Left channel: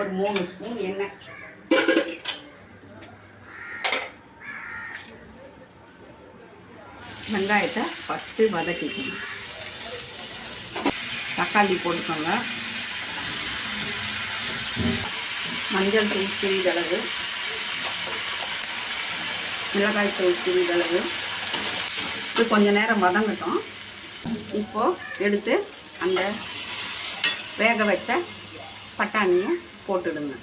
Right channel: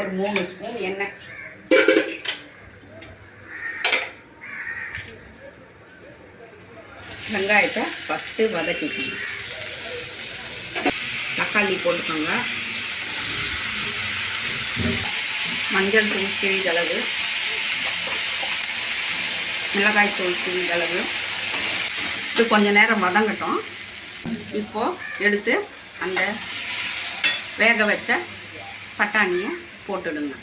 ஒரு 3 ஸ்பூன் எண்ணெய். வெங்காயத்தை ஃபஸ்ட்டு வதக்கிக்கணும். தக்காளி போட்டுக்கோங்க. மஞ்சள் தூள் சிறிதளவு, மிளகாய் தூள் சிறிதளவு. இது கொஞ்சம் நேரம் வதங்கட்டும். இப்போது எடுத்து அந்த வேக வச்ச பட்டாணியை போட்டுடுங்க.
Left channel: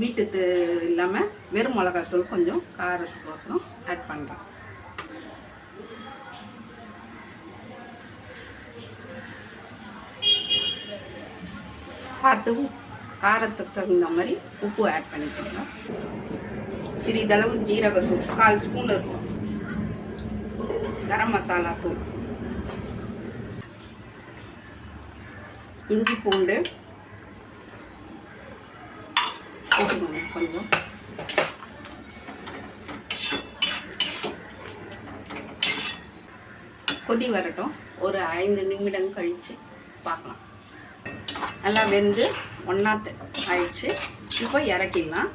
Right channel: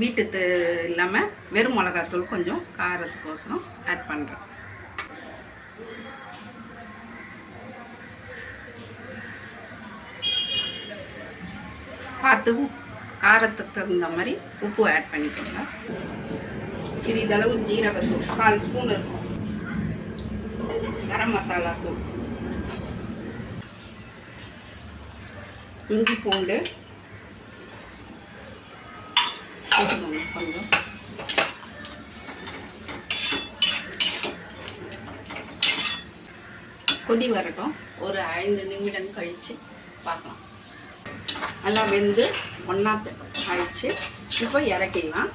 வீட்டுக்கு இல்லாமல் வெறும் மிளகாத்தூள் கொஞ்சம் காரத்துக்கோசரம் ஆட் பண்ணுறேன். பார்த்து காரத்துக்கு தகுந்த மாதிரி உப்பு ஆட் பண்ணிக்கோங்க. சிறிதளவு ஜீரகத்தூள் 4 ஸ்பூன் இருக்கும். கரம் மசாலா தூள், இஞ்சி பூண்டு போட்டுக்கோங்க கொஞ்சம். கொதி வரட்டும். ஒரு 5 நிமிடம் கழித்து பார்க்கலாம். நல்லா வெந்து ஒன்றாத்து ஆயிடுச்சு. இப்போ இறக்கிடலாம்.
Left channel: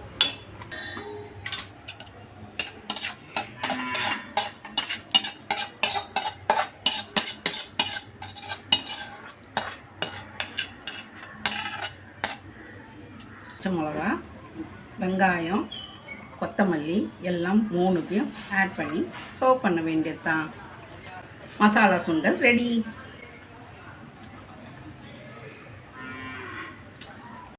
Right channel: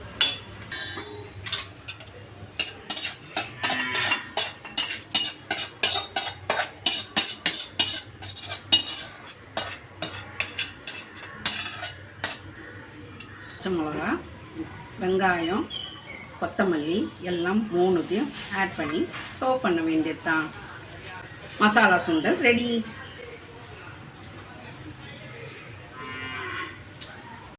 பச்சை மிளகா, வெங்காயம், கொத்தமல்லி எல்லாம் 3த்தையும் ஆட் பண்ணி சர்வ் பண்ண வேண்டியது தான். மசாலா சுண்டல் ரெடி.